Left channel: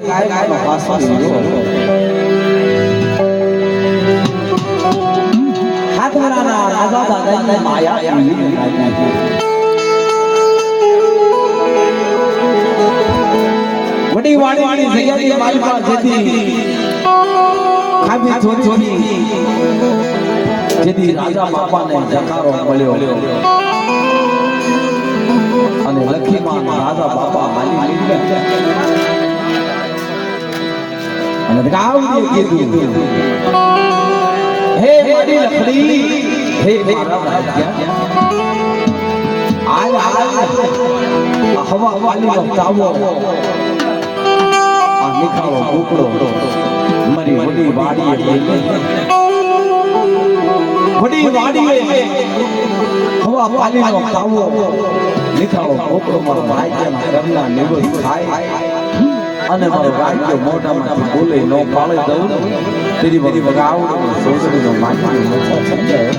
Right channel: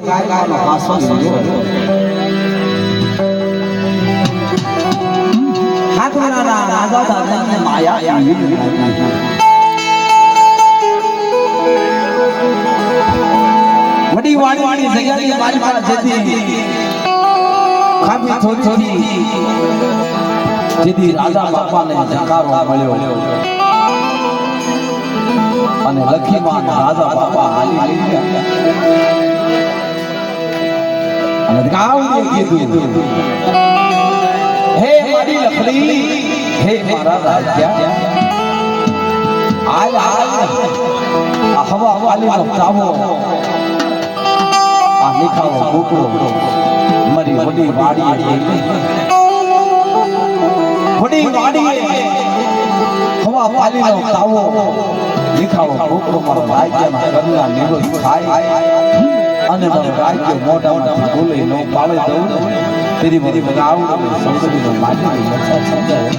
કાર્યક્રમનો વાસો હાથવાના રાજા દાદાની માયા વડી વાણી જગ્યાની માલિકા જેથી ખાબી થોડી જેથી રાજા બાપાને જકારો મળ્યો અને લખીમાં રાજા બાપા હાલી ગયા અને ગાવને કીધું હે મારી લખડી હે મારા રાજા આ હવા વાલીનો તાવો આ નિખારો ગોકળો મારી વડી વાડીએ હવા પાલીનો તાવો નિખારો ગોકળો મારો ભાગ્યના કરના નિરોધ થાય અને મારો ભાગ્ય મોઢામાંથી બોલે ન પાળે દઉં તેરી બધી વગાવડ સોસડીનો માટી મચા સમજાય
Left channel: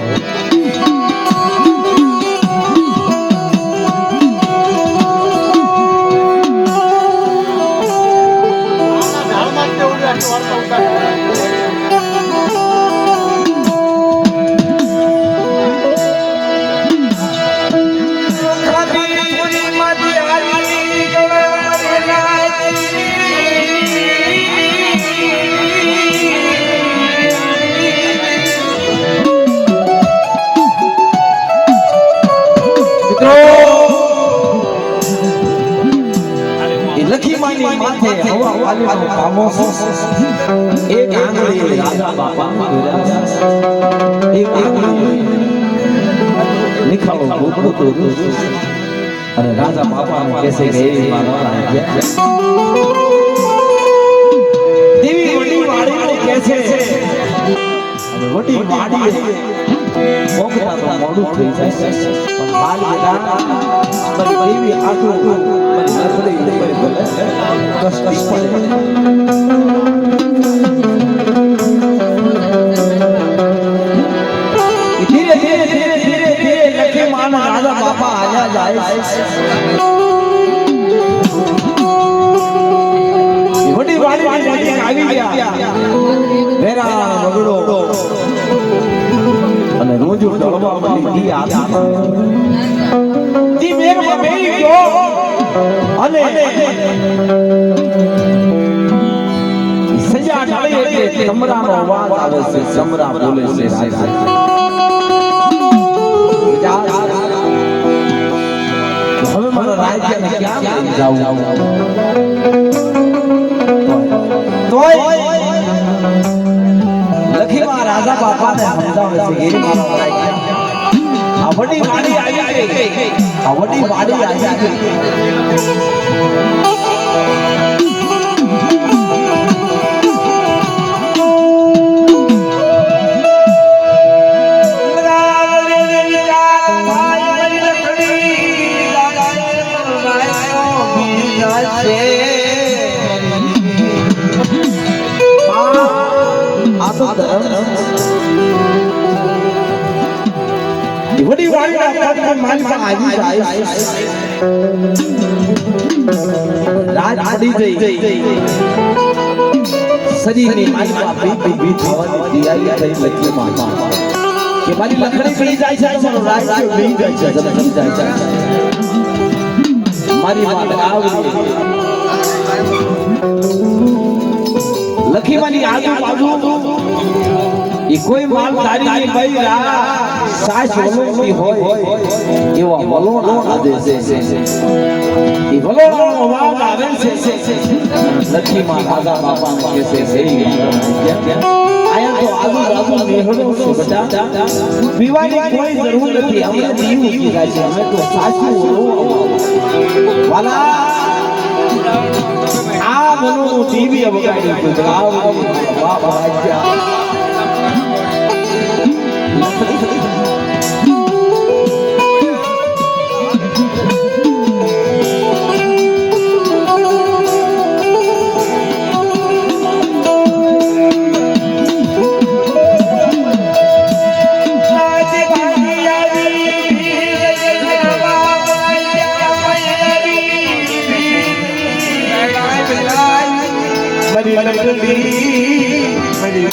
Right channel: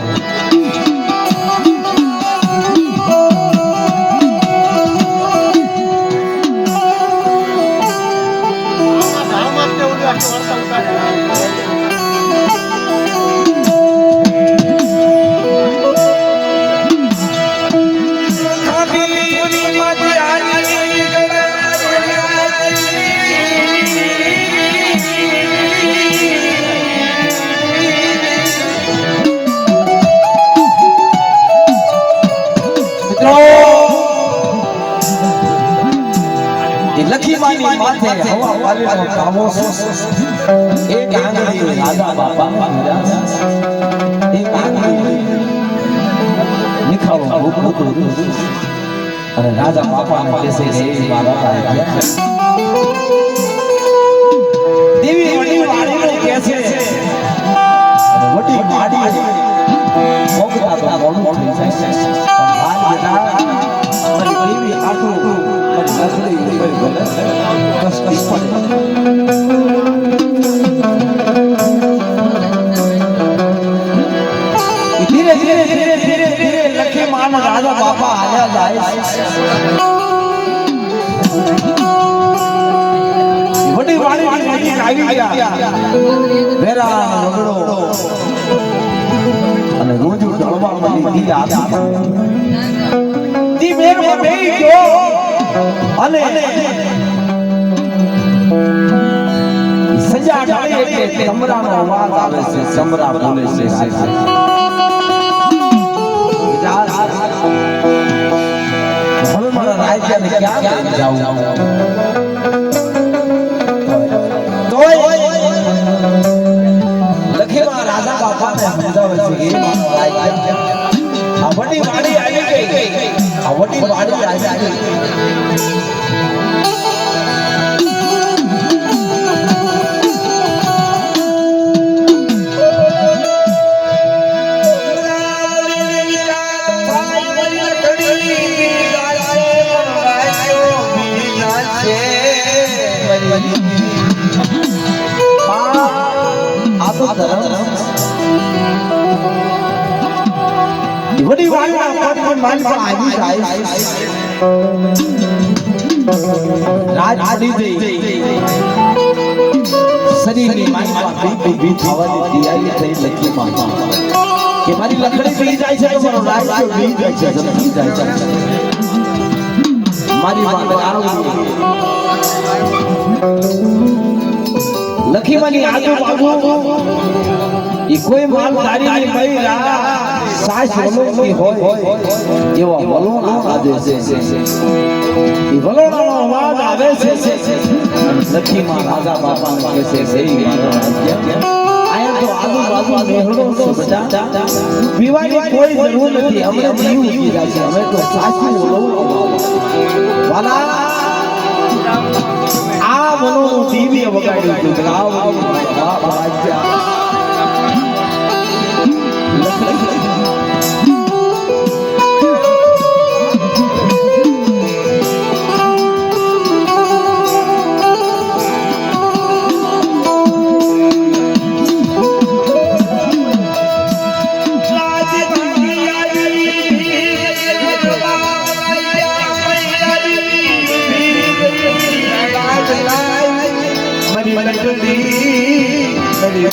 લખીમાની માથે હવા વાલીનો કામો એક આંગળી રાજા બાપાના એક આંગળી નિખાળો ગોકળો અને રાજા બાપાને કહેશે કે એ મારા દેવી વડી વાડીને કહેશે વડી વાડી મોગતા તો મોડું થઈ જશે પણ હાલ બેટા મારી દેવી આંખો મારી લખડી ઉપર બોલે કષ્ટી પડે ધીરે ધીરે લખીમાનો રાજા બાપા આયા જાય વડી વાડીની નજીક આવી ગયા વેરા વગડો અને રોજ ડળવા મળી ગયા તી મેર મળી ગયો અને સજા ડાળી એટલે સમરાનો અવાજ આવે છે સમરા બોલે છે હવે મારા રાજ્યને ક્યાં જાવું તોય લખીમાં રાજા બાપાને સમજાવે છે કે મારો રાજ્ય આ વડી વાડી આવી ગઈ આ વડી વાડી આવી ગઈ વડી વાડીના પદ પર માનસા આવી જાય રાત પડી ગઈ શરીરની માનસા બી થવાની તૈયારી થઈ લખીમાં કે મારી લખડી પી જાય છે તો મારો રાજ્ય પી જાય છે જમી જાય છે મારી વાત આવડી લખીમાની આજુબાજુ એ કોઈ માલધારીની મહિલા સાસ વલોની હોય એવા વલોણા આદે છે એ વલોણાનો અવાજ આવે છે લખીમાં રાજા બાપાને કહે છે હે આયા તો આજુબાજુ મેહડો છે બેટા પીવાની કોઈ જરૂર નથી અમે જીવ ઉગી જાય છે અમે તો સાસી વલોણા વાલા આ વલોણું દીવી વગાડ્યું છે આ વાહ રાજ્ય મારી લગડી મારી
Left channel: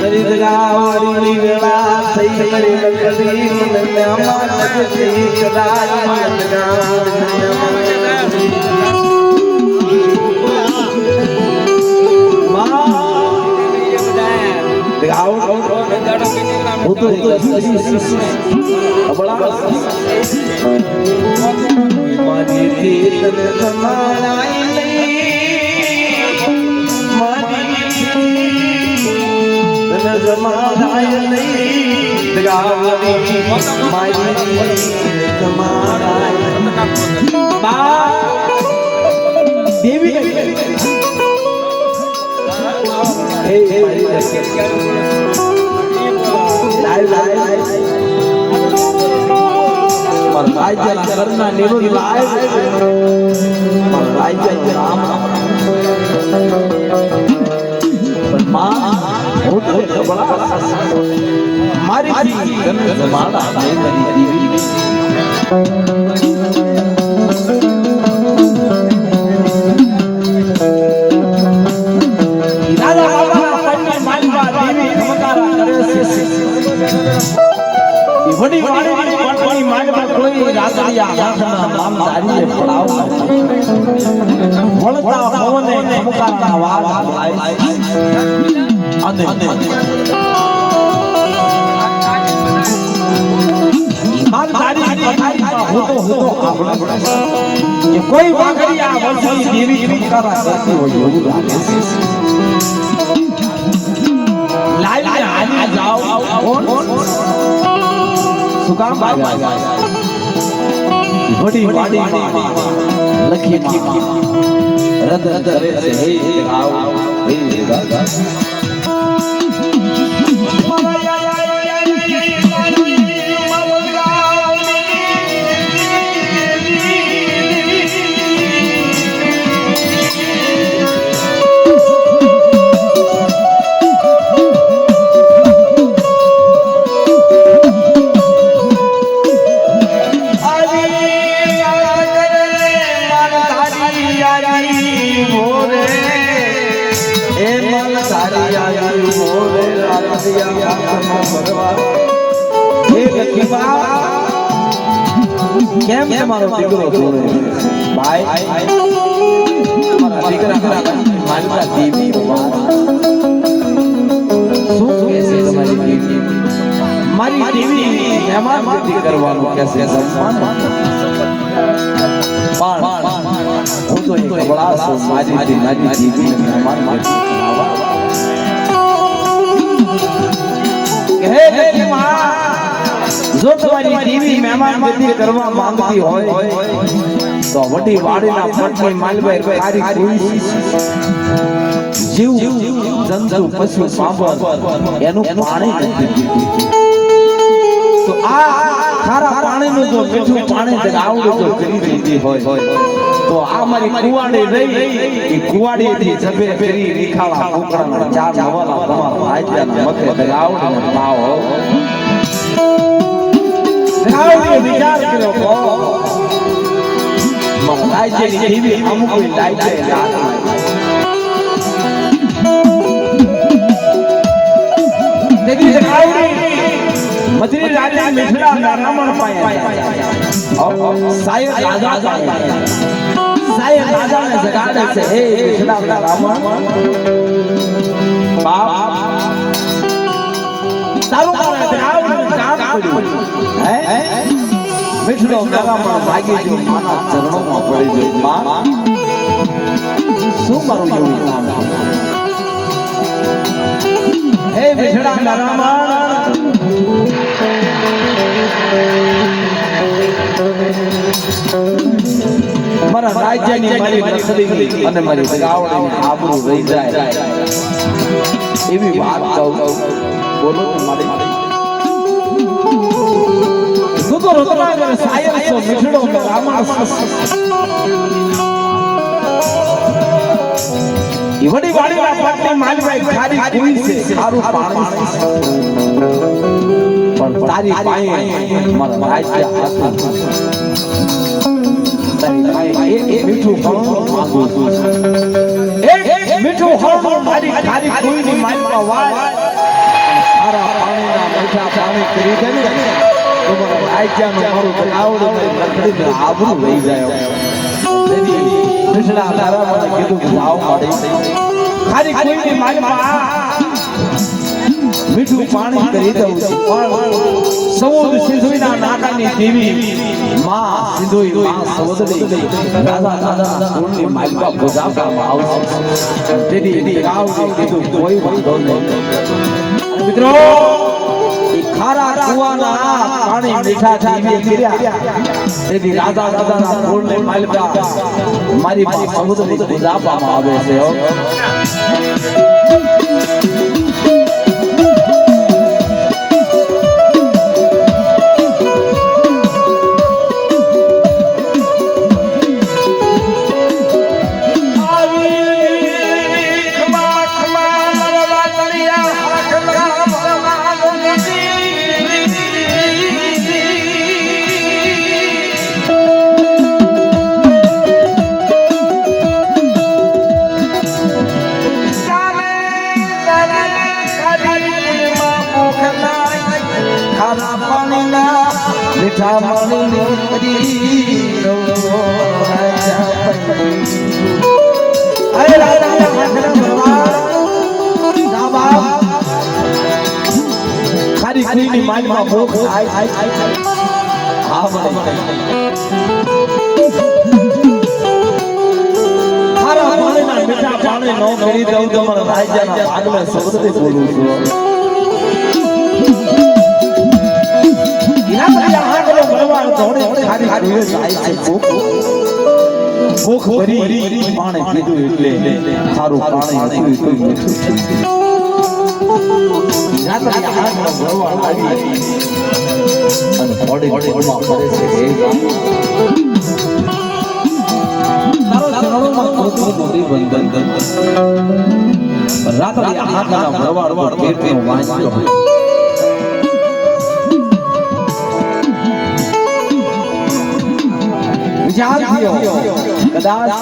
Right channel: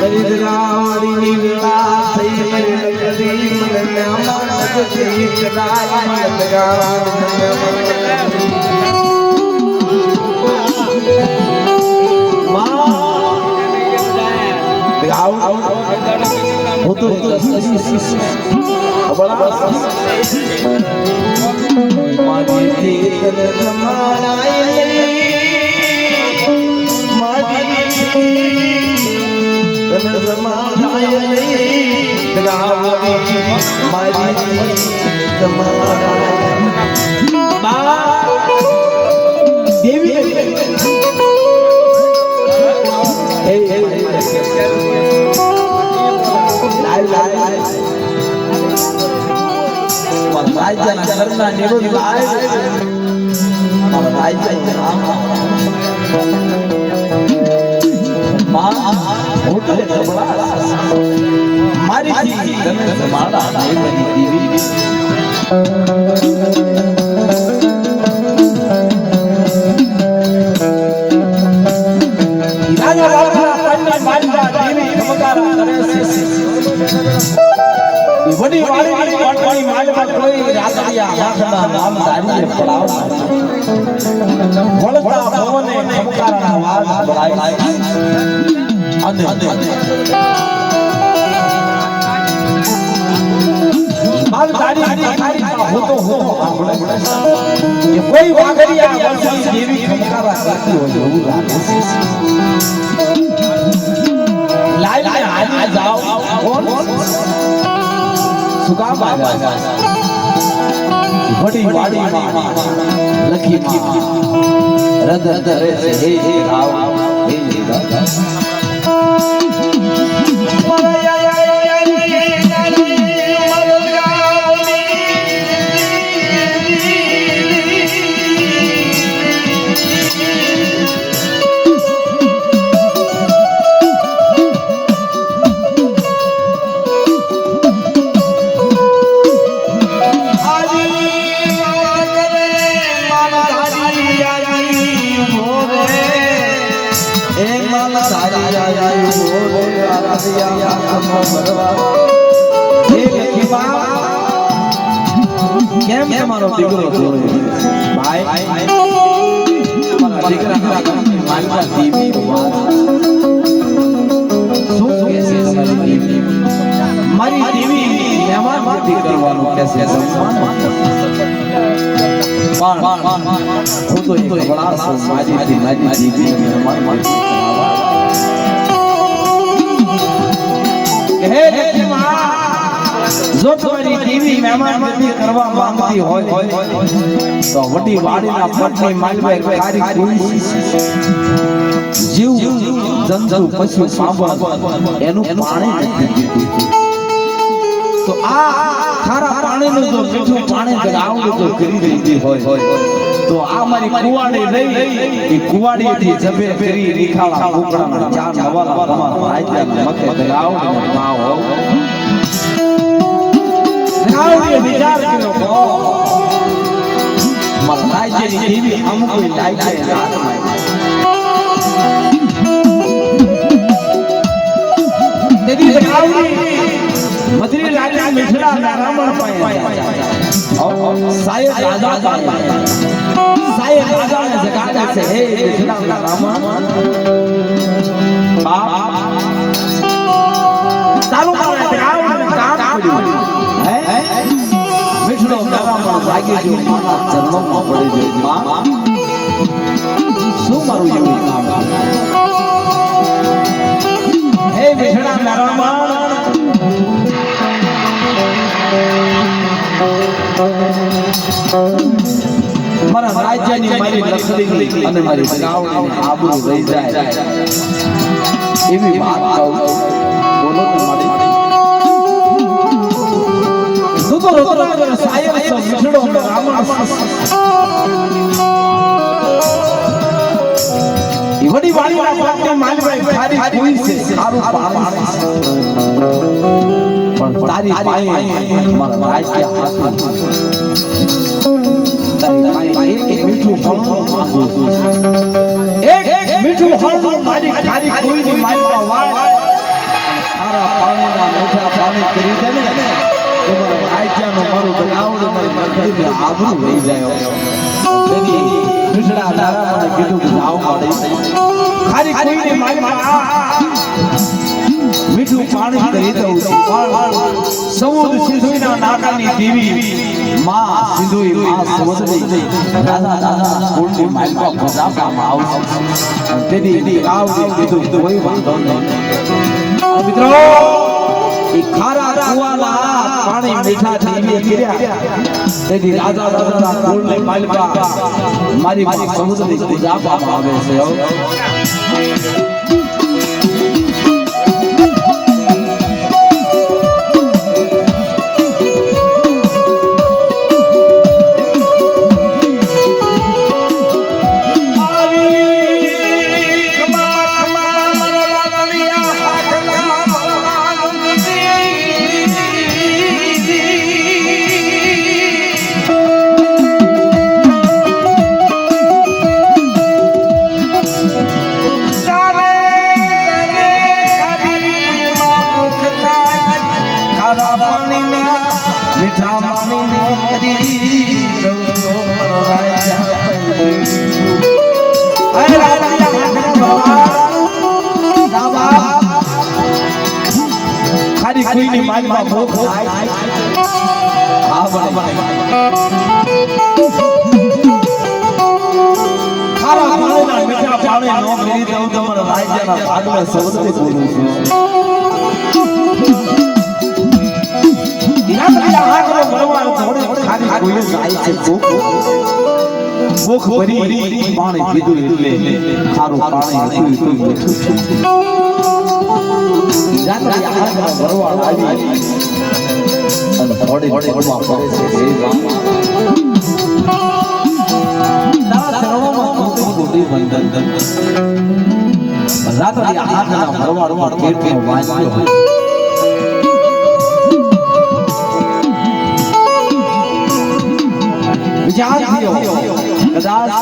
દરિદ્રાવાળી વેળા થઈ મારી લગડી મને નામાં લગતી કરાય લગાવાળી રાજ્યના ઘરના નિરોધ વડી વાળી માલમાં કોઈ રાતડિયા હાથમાં નામ ધારીને પડાવ વળતા ભવને ખમકારાના વાળ બોલાય આદે માલ ધારી હોતો આપણે એ કોઈ વાગડિયા વર્ષની દેવી ખમકારા કરતી હોય એવું લાગે લાઈ હાલી જાઓ કોણ સુકામ વડી વાડી લખી રદ કરે છે હે આવ હે રાજા કેમ તમારો દીકરો ભાઈ તમારા દીકરા માલવા દેવી શું કહે છે તમારી દેવી મારી દેવી મહેમાન ગતિ કરવાનું કહેશે સન્માન પણ હું તો એક બડા સો મારી દેવી મહેમાન ગતિ હે દેવી માં જો તમારી દેવી મહેમાન ગતિ કરવા માંગતી હોય તો વડી વાડીના પટની માલભાઈ ખારી કોઈ જીવ જંતુ પશુ પાંબર એનું પાણી નથી પીતું તો આ ખારા પાણીનું જો મીઠું પાણી જ આવડે તો કરી દીધી હોય તો આ મારી કુવાડી રહી એ કુવાડીથી જબે કરી રીખાળા કુકડાના ચાર નવાલા તમારા રાજ્યના મતે દગાવડે લાવો વિચાર કર્યો મારા રાજ્યની દેવી અમુક કોઈ રાજ્ય મધરી રાજા મિથડા નારામણ પાયા સાયદ રાજા સાયદ રાજાને જગાડે છે હે મિથડા નારામણ બાપ ચાલુ કરે આવડે કામ કર્યું હે મિથડો નારામણ ભાગી જો માના ચરણોમાં પડી જો માં શું મારું એવું કામ હે મિથડા નારામણ મારા રાજ્યની મારી લખડી અને મારી ગાવડીની આબરૂ રહી જાય એવી વાત કહું બોલો તો મારી સુતો રત્નાગર સાયર સો મિઠડો રામણ વડી વાડીના પગને માલભાઈ ખારી કોઈ છે સારું પાણી પણ તારી પાસે મારા રાજ્ય હાથ તારી પાસે એક મીઠું ફળ માંગુ છું એક મીઠું ફળ મારી ખાલી કોઈની માઈમાં વાય તારા પાણીના મીઠા પાણી કરી દે ને તો મારા રાજ્યનું મારું આવડું મારી આબરૂ રહી જાય તેની કૃષ્ણા તારા મને કીધું કે આવ માડી ખાલી કોઈની માઈમાં મીઠું પાણી કરી દઉં છું પણ સૌદ સિંધુના નાકાની દેવી માં સિંધુઈ માં સમુદ્રી રાજા રાજા કુળની માલપા પૂજાવામાં આવશે તેની આવ કીધું કોઈ વાંધો નહીં મિત્રો એ ખારા કુવાના પાણી મીઠા ઠાવી કર્યા તેની રાજા રાજાના કુળની માલપા મારી માં સમુદ્રી પૂજાવામાં આવે છે મીઠા ખાલી કોઈની માનમાં મોખ થાય હા મને ખારા પાણીના મીઠા પાણી નો મેરી દઉં તો મારા રાજ્યના ભાગમાં સૌથી બોલું છું ભૂખ ભરી પાણી પીધું એટલે ખારું પાણી હતું એટલું મીઠું રાત્રે આગળ ભરવાડ આવી અને થોડી થોડીમાં ફરે છે તારા ચરણોમાં કોટી કોટી વંદન રાત્રે આગળ ભરવાડ કેટલો વાંચ્યો કદાચ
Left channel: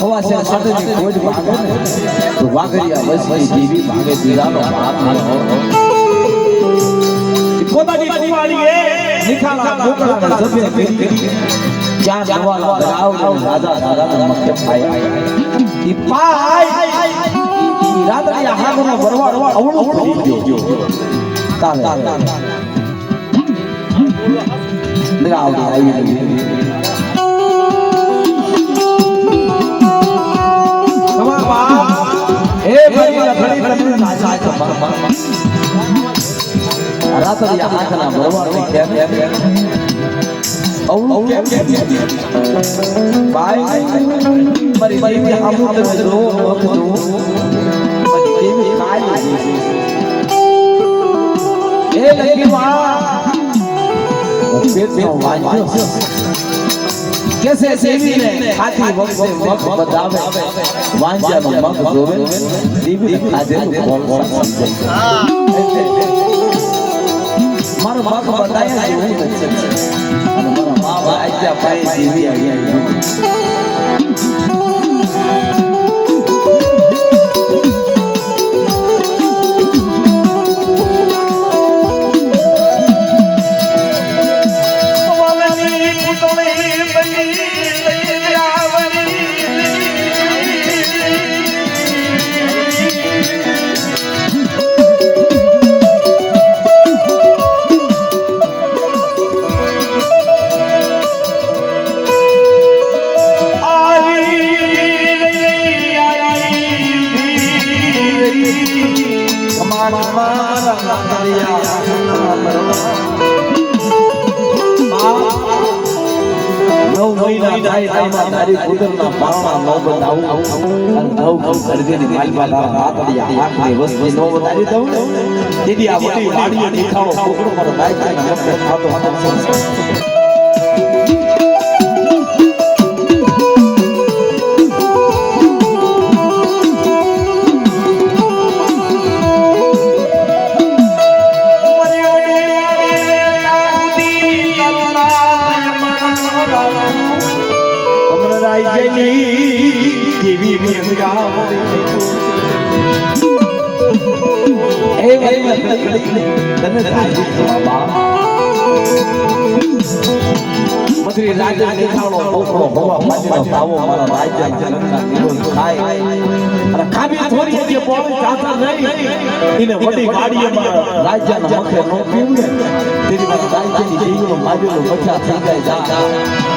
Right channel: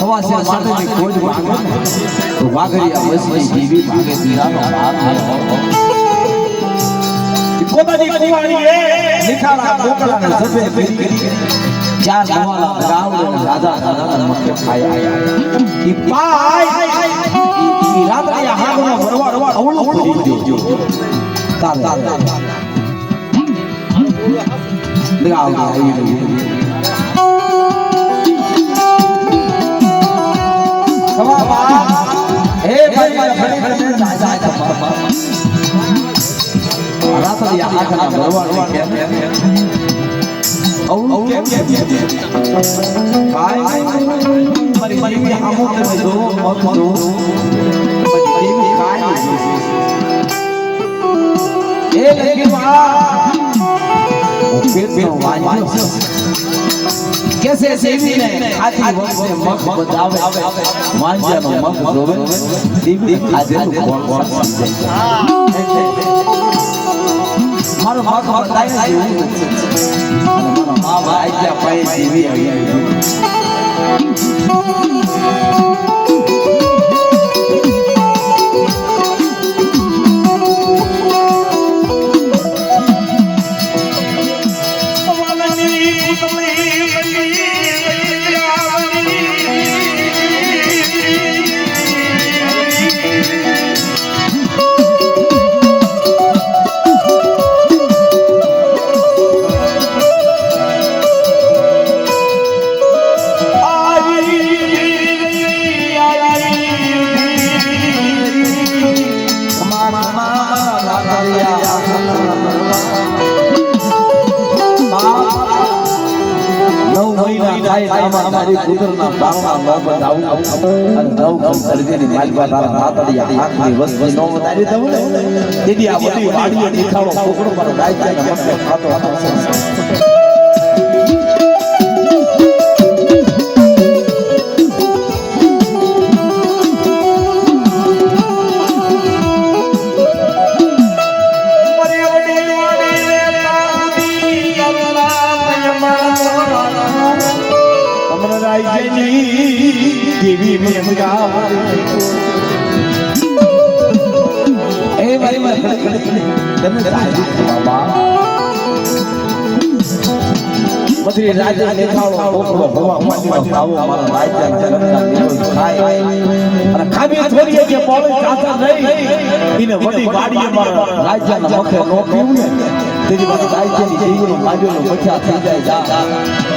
હવાસે માટેની ખોજ માંગે તો વાઘરિયા વસની દેવી ભાગે દીવાનો હાથ પોતાની કુવાડીએ નિખાલા મોકળાને સભે કરી ચાર નવાલા ધરાવને રાજા દાદાના મક્કે ખાય ઈ પાય ઈ રાત્રિયા હાગનો વરવાડ અવળો કરી ગયો તારે Now, come on, hey, buddy, રાતડી આખના ભરવાડને કેમ અવળું કેમ ભાઈ મારી દેવી આમુ તમે જો મત જો મારી દેવી કાઈ એ લગી માં પેટનો વાંજો કેસે દેવીને ખાતી વખતે મખ બતાવે વાંજાનો મખ જોવે દેવી ખાધેલું બોલ બોલ મારો મખ બતાયા જેવું નથી મારા મા ભાઈ ત્યાં પાઈ દેવી આવી તારી પુત્રના બાવણા નો બતાવું અને નવ કમ સર્જેની માલપા તારા નાતડિયા હાથની વસ્તી નો બતાવી દઉં દીદી આ મોટી વાડીએ દેખાણો છોકરો પર નાયકાના મસ્ત ખાતો હતો એ ભાઈ તને તાજી બાબા બધી રાજે દેખાડો ઓકળો હવા પાટીનો તાવો મારા રાજ્યના જનતા નિરોધ થાય અને ખાબી થોડીએ જે બોલે જાતા નહીં એને વડી ગાડીમાં રાજ્યના મુખે રોક્યું ને તેરી મારા રાજ્યની જીવનો માજેલો મજા થઈ જાય જા